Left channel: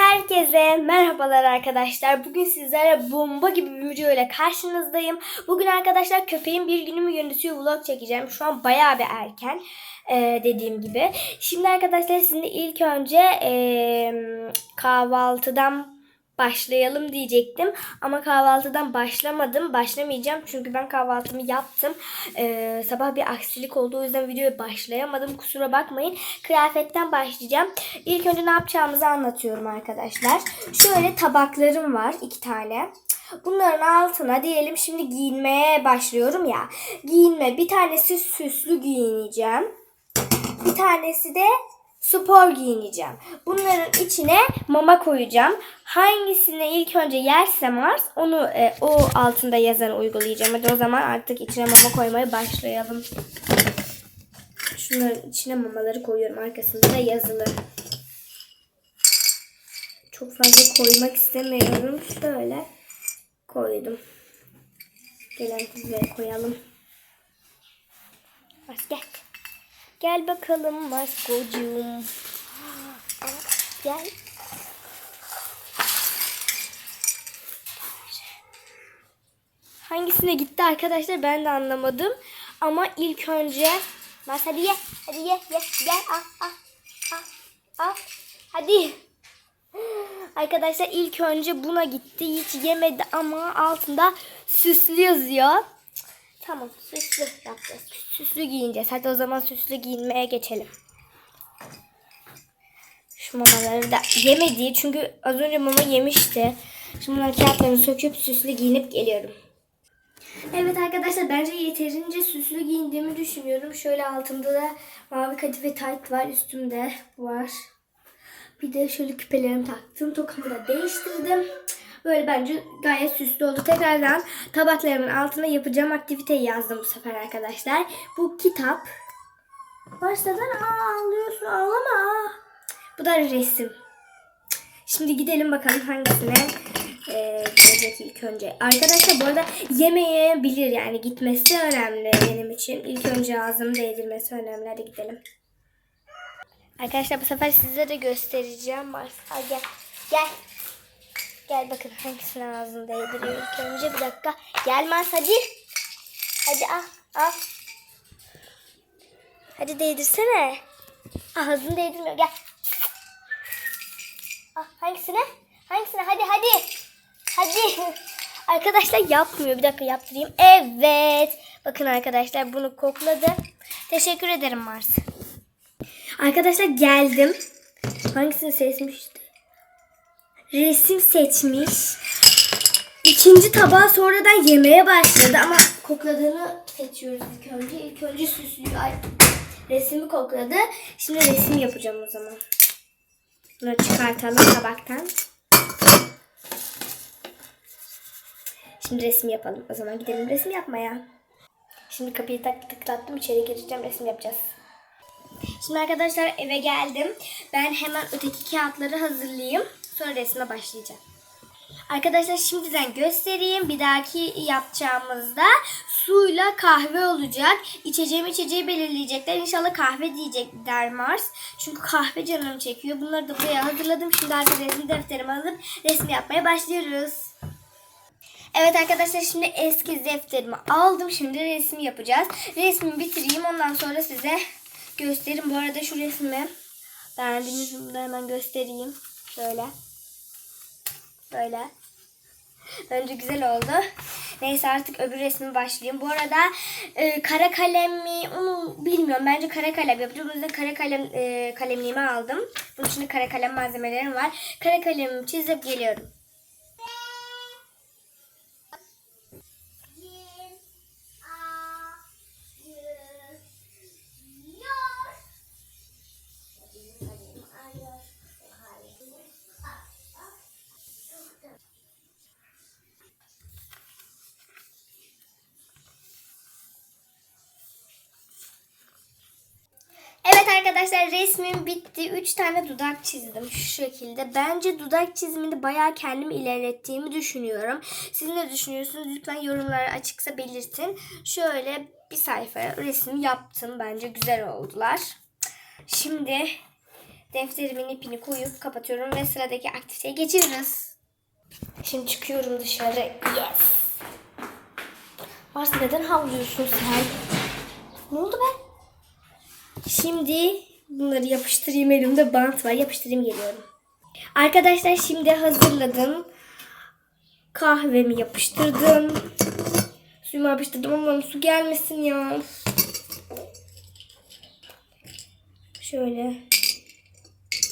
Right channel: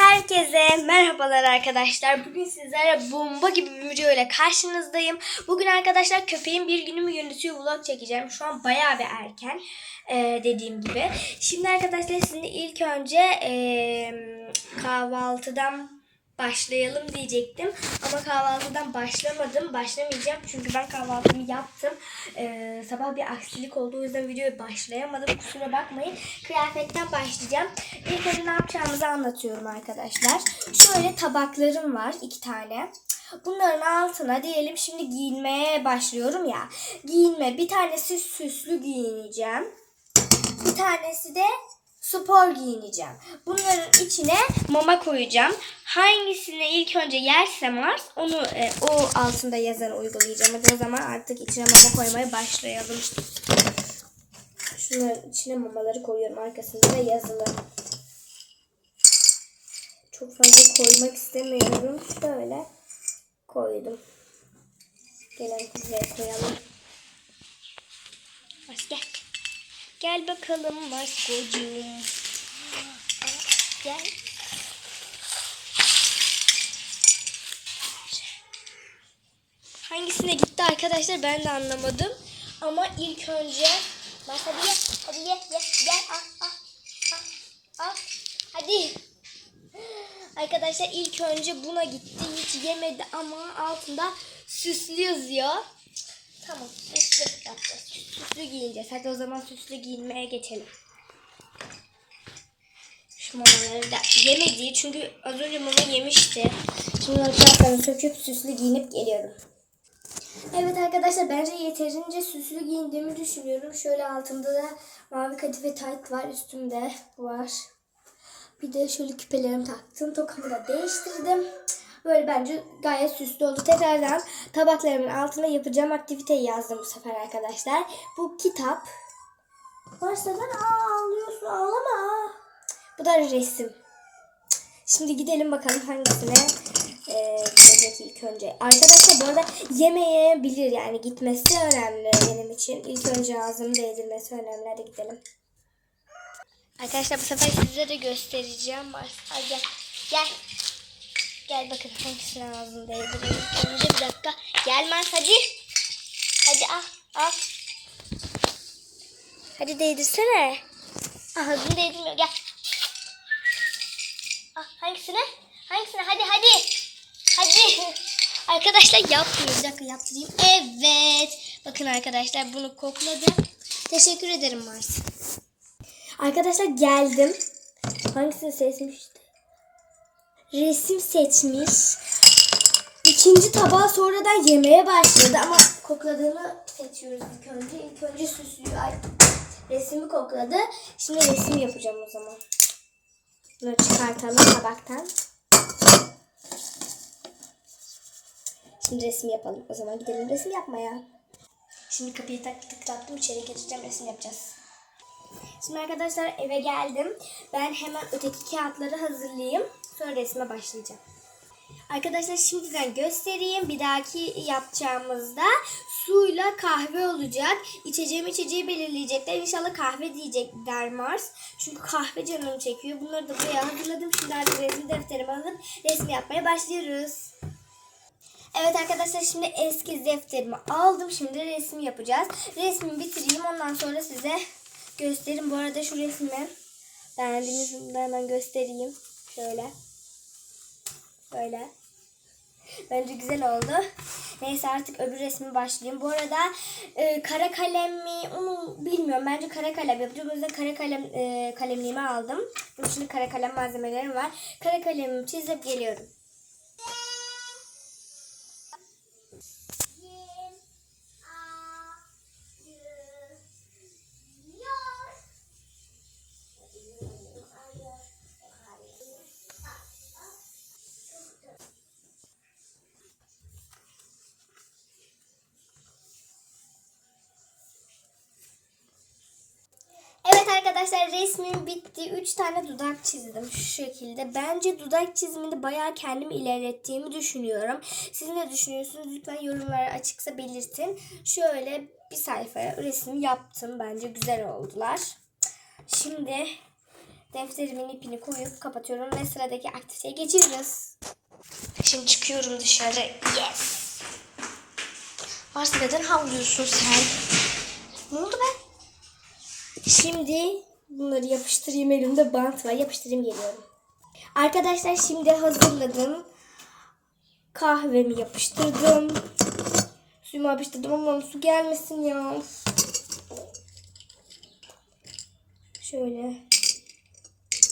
Herkese merhabalar arkadaşlar. Bugün sizlere bomba gibi bir video ile karşınızdayım. Bugün arkadaşlar köpeğin bir günümü yönetiyor vlog çekeceğim. Şu an bayağı bir erken ee, dediğim gibi. Şimdi arkadaşlar sizinle ilk önce ee, kahvaltıdan başlayalım diyecektim. Ama kahvaltıdan başlamadım. Başlamayacağım çünkü ben kahvaltımı yaptım. Ee, sabah bir aksilik oldu. O yüzden videoya başlayamadım. Kusura bakmayın. Kıyafetten başlayacağım. İlk önce ne yapacağımızı anlatıyorum arkadaşlar. Şöyle tabaklarım var. iki tane. Bunların altına diyelim şimdi giyinmeye başlıyorum ya. Giyinme. Bir tanesi süslü giyineceğim. Bir tanesi de spor giyineceğim. Bunların içine mama koyacağım. Hangisini ilk önce yersem Mars onu e, o altında yazanı uygulayacağım. Hadi o zaman artık içine mama koymaya başlayalım. Şunların içine mamaları koyuyorum. Arkasında da yazılı. Çok fazla koymak istemiyorum. Şöyle koydum. Gelen size koyalım. Mars gel. Bakalım Maskocuğum. Gel. Hangisine gitti arkadaşlar ben de anlamadım. Ama ilk önce Mas hadi ye. Hadi ye. ye. Gel al al. Al. Al. Hadi. Arkadaşlar ilk önce buna gitti. Hiç yemedi ama altında süslü yazıyor. Tamam süslü yapacağız. Süslü giyineceğiz. Hadi o zaman süslü giyinmeye geçelim. Şu mamaları da yemedi çünkü az önce mama yemişti. Şimdi bunların kağıtlarını söküp süslü giyinip geliyorum. Evet arkadaşlar bence yeterince süslü giyindiğimi düşünüyorum. Şöyle altında da mavi kadife tayt var. Üstümde var. Bir de şöyle küpelerimi taktım. Tokamı da değiştirdim. Böyle bence gayet süslü oldu. Tekrardan tabaklarımın altına yapacağım aktiviteyi yazdım bu sefer arkadaşlar. Bu kitap. Varsa da aa ağlıyorsun ağlama. Bu da resim. Şimdi gidelim bakalım hangisine e, gidecek ilk önce. Arkadaşlar bu arada yemeyebilir yani gitmesi önemli benim için. İlk önce ağzını değdirmesi önemli. Hadi gidelim. Arkadaşlar bu sefer size de göstereceğim. Al gel. Gel. Gel bakın hangisine ağzını değdireyim. Önce bir dakika. Gel Mars hadi. Hadi al. Al. Hadi değdirsene. Ağzını değdirmiyor. Gel. Ah, hangisine? Hangisine? Hadi hadi. Hadi. Arkadaşlar yapmıyor. Bir dakika yaptırayım. Evet. Bakın arkadaşlar bunu kokladı. Teşekkür ederim Mars. Arkadaşlar geldim. Hangisini seçmişti? Resim seçmiş. İkinci tabağı sonradan yemeye başladı ama kokladığını seçiyoruz ilk önce. İlk önce süslü ay, resmi kokladı. Şimdi resim yapacağım o zaman. Bunları çıkartalım tabaktan. Şimdi resim yapalım. O zaman gidelim resim yapmaya. Şimdi kapıyı tak tıklattım. içeri gireceğim. Resim yapacağız. Şimdi arkadaşlar eve geldim. Ben hemen öteki kağıtları hazırlayayım. Sonra resme başlayacağım. Arkadaşlar şimdiden göstereyim. Bir dahaki yapacağımızda suyla kahve olacak. İçeceğim içeceği belirleyecekler. İnşallah kahve diyecekler Mars. Çünkü kahve canım çekiyor. Bunları da buraya hazırladım. Şimdi artık resim defterimi alıp resim yapmaya başlıyoruz. Evet arkadaşlar şimdi eski defterimi aldım. Şimdi resim yapacağız. Resmi bitireyim. Ondan sonra size göstereyim. Bu arada şu resmi beğendiğinizi de hemen göstereyim. Şöyle. Böyle. Bence güzel oldu. Neyse artık öbür resmi başlayayım. Bu arada e, kara kalem mi onu bilmiyorum. Bence kara kalem yapacağım. O yüzden kara kalem e, kalemliğimi aldım. Bunun içinde kara kalem malzemelerim var. Kara kalemimi çizip geliyorum. Arkadaşlar resmim bitti. 3 tane dudak çizdim şu şekilde. Bence dudak çiziminde bayağı kendimi ilerlettiğimi düşünüyorum. Siz ne düşünüyorsunuz? Lütfen yorumlara açıksa belirtin. Şöyle bir sayfaya resim yaptım. Bence güzel oldular. Şimdi defterimin ipini koyup kapatıyorum ve sıradaki aktiviteye geçiyoruz. Şimdi çıkıyorum dışarı. Yes. Mars neden havlıyorsun sen? Ne oldu be? Şimdi bunları yapıştırayım. Elimde bant var. Yapıştırayım geliyorum. Arkadaşlar şimdi hazırladım. Kahvemi yapıştırdım. Suyumu yapıştırdım ama su gelmesin ya. Şöyle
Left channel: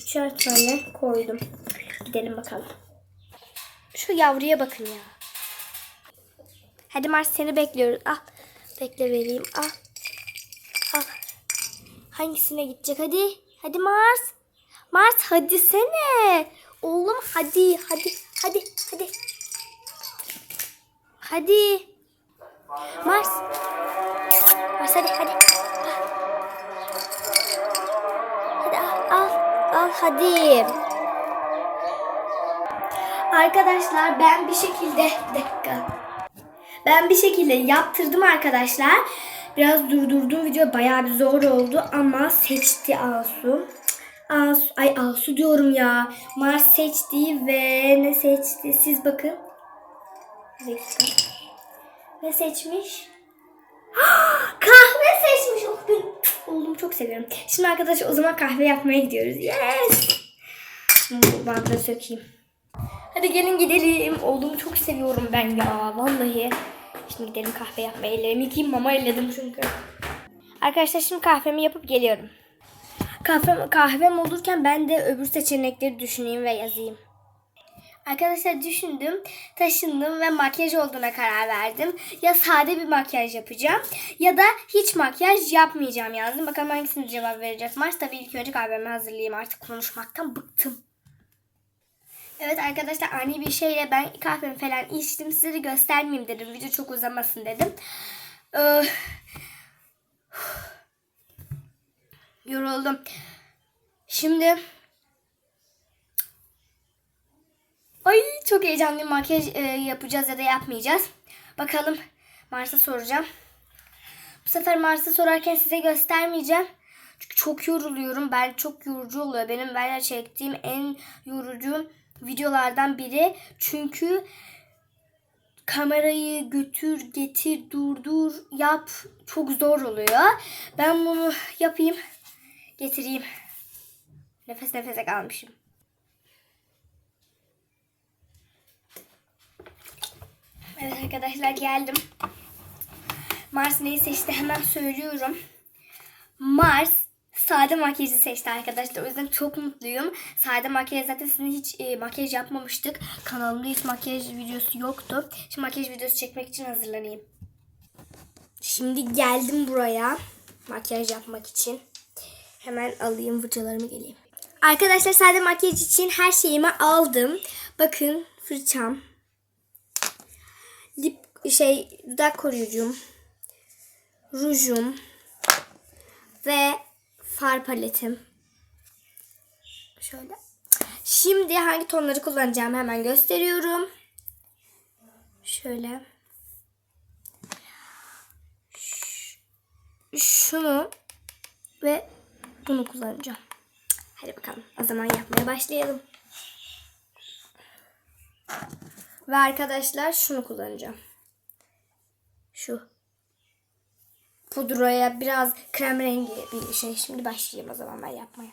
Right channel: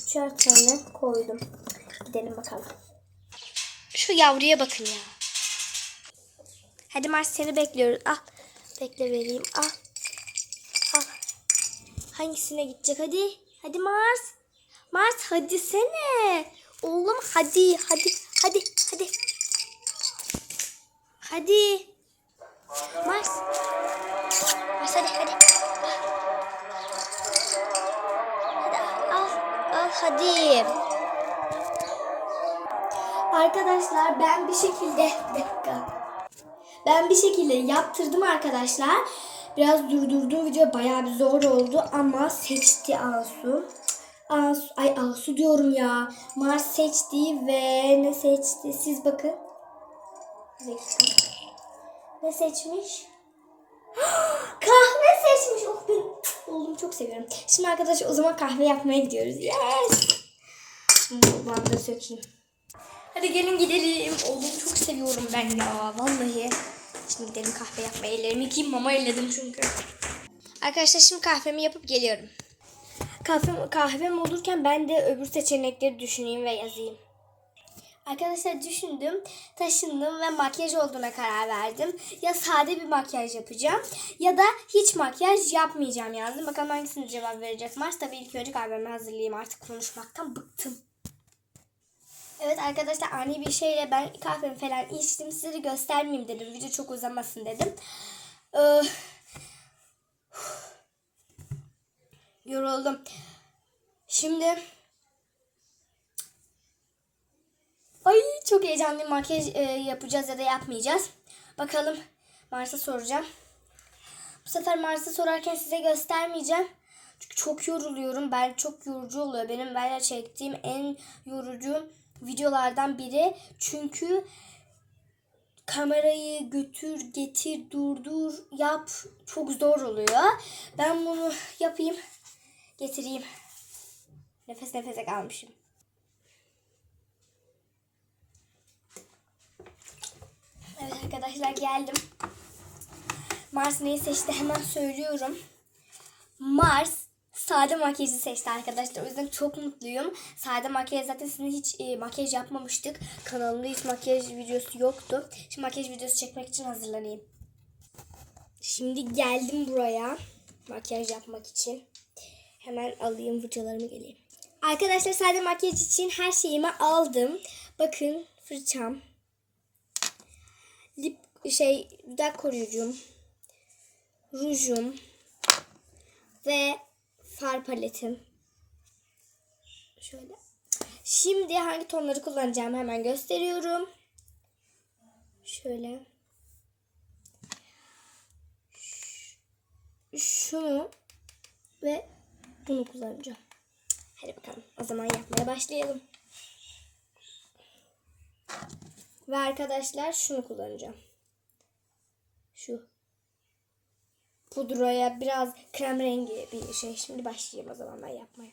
üçer tane koydum. Gidelim bakalım. Şu yavruya bakın ya. Hadi Mars seni bekliyoruz. Al. Bekle vereyim. Al. Al. Hangisine gidecek? Hadi. Hadi Mars. Mars hadi sene. Oğlum hadi. Hadi. Hadi. Hadi. Hadi. Mars. Mars hadi hadi. Hadi al. Al, hadi. Arkadaşlar ben bir şekilde bir dakika. Ben bir şekilde yaptırdım arkadaşlar. Biraz durdurdum video bayağı bir zor oldu ama seçti Asu. Asu ay Asu diyorum ya. Mars seçti ve ne seçti? Siz bakın. Ne seçmiş? kahve seçmiş. Oh, ben oğlumu çok seviyorum. Şimdi arkadaşlar o zaman kahve yapmaya gidiyoruz. Yes. Bu bantları sökeyim. Hadi gelin gidelim. Oğlumu çok seviyorum ben ya. Vallahi. Şimdi gidelim kahve yapmaya. Ellerimi yıkayayım. Mama elledim çünkü. Arkadaşlar şimdi kahvemi yapıp geliyorum. Kahvem, kahvem olurken ben de öbür seçenekleri düşüneyim ve yazayım. Arkadaşlar düşündüm, taşındım ve makyaj olduğuna karar verdim. Ya sade bir makyaj yapacağım ya da hiç makyaj yapmayacağım yazdım. Bakalım hangisini cevap verecek Mars. Tabii ilk önce kahvemi hazırlayayım artık konuşmaktan bıktım. Evet arkadaşlar ani bir şeyle ben kahvemi falan içtim. Size de göstermeyeyim dedim. Video çok uzamasın dedim. Ee, yoruldum. Şimdi Ay çok heyecanlıyım. Makyaj e, yapacağız ya da yapmayacağız. Bakalım Mars'a soracağım. Bu sefer Mars'a sorarken size göstermeyeceğim. Çünkü çok yoruluyorum. Ben çok yorucu oluyor. Benim böyle çektiğim en yorucu videolardan biri. Çünkü kamerayı götür, getir, durdur, yap çok zor oluyor. Ben bunu yapayım, getireyim. Nefes nefese kalmışım. Evet arkadaşlar geldim. Mars neyi seçti hemen söylüyorum. Mars sade makyajı seçti arkadaşlar. O yüzden çok mutluyum. Sade makyaj zaten sizin hiç e, makyaj yapmamıştık. Kanalımda hiç makyaj videosu yoktu. Şimdi makyaj videosu çekmek için hazırlanayım. Şimdi geldim buraya makyaj yapmak için. Hemen alayım fırçalarımı geleyim. Arkadaşlar sade makyaj için her şeyimi aldım. Bakın fırçam, lip şey dudak koruyucum, rujum ve far paletim. Şöyle. Şimdi hangi tonları kullanacağımı hemen gösteriyorum. Şöyle. Şunu ve bunu kullanacağım. Hadi bakalım. O zaman yapmaya başlayalım. Ve arkadaşlar şunu kullanacağım. Şu. Pudraya biraz krem rengi bir şey. Şimdi başlayayım o zaman ben yapmaya.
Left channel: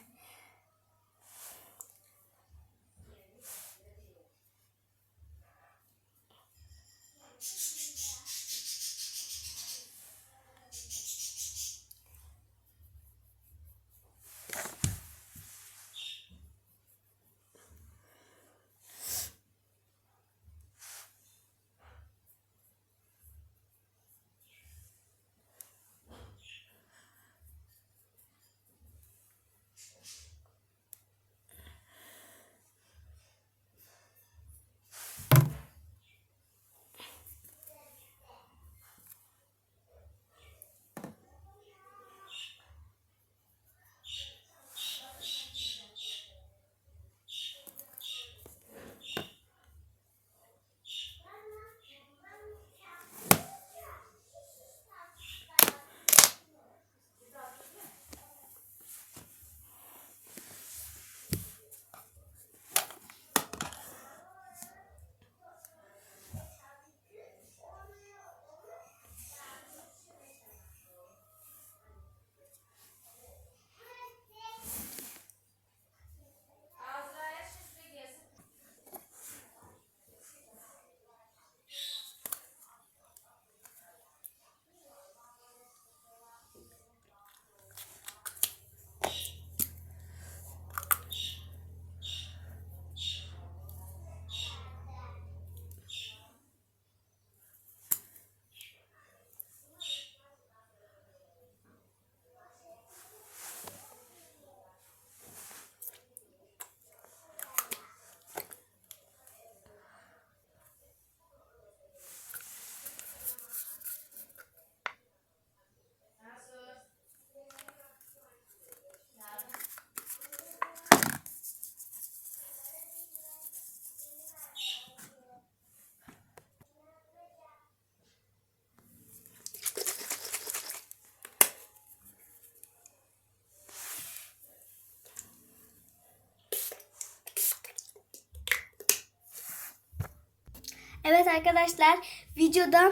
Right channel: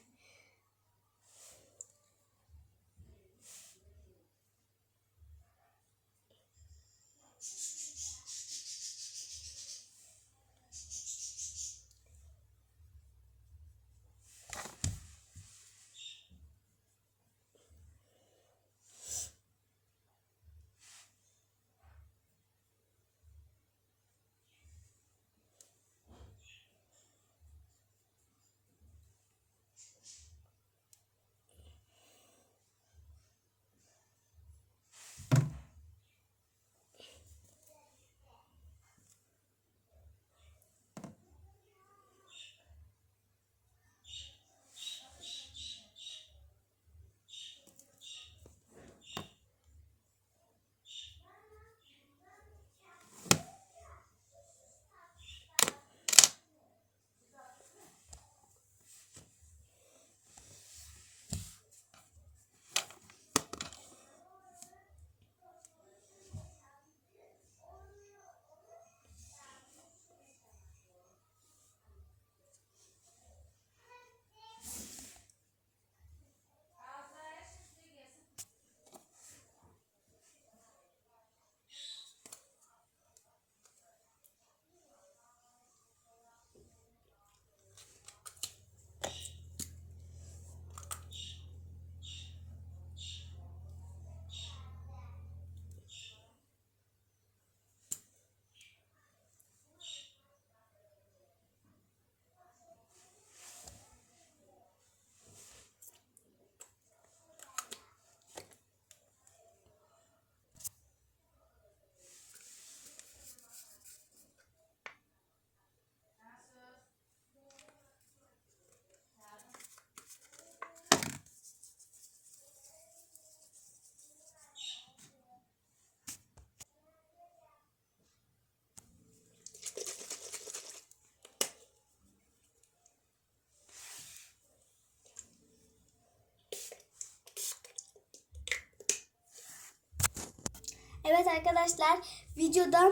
Evet arkadaşlar videoda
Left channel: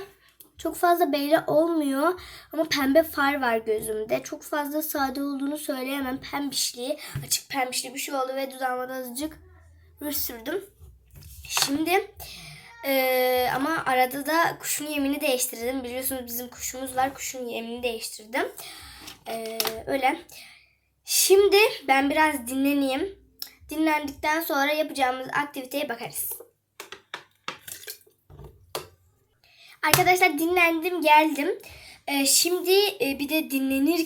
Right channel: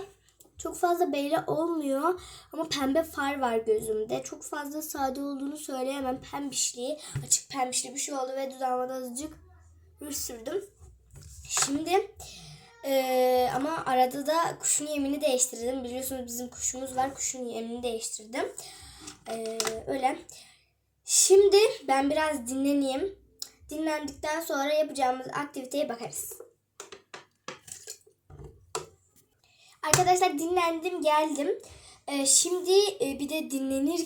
çok fazla belli olmuyor ama pembe far var gözümde. Çok fazla sade olduğunu söyleyemem. Pembişli, açık pembişli bir şey oldu ve dudağıma da azıcık ruj sürdüm. Şimdi eee, ama arada da kuşun yemini değiştirdim. Biliyorsunuz bizim kuşumuz var. Kuşun yemini değiştirdim. Eee, öyle. Şimdi ben biraz dinleneyim. Dinlendikten sonra yapacağımız aktiviteye bakarız. Arkadaşlar dinlendim geldim. Ee, şimdi e, bir de dinlenirken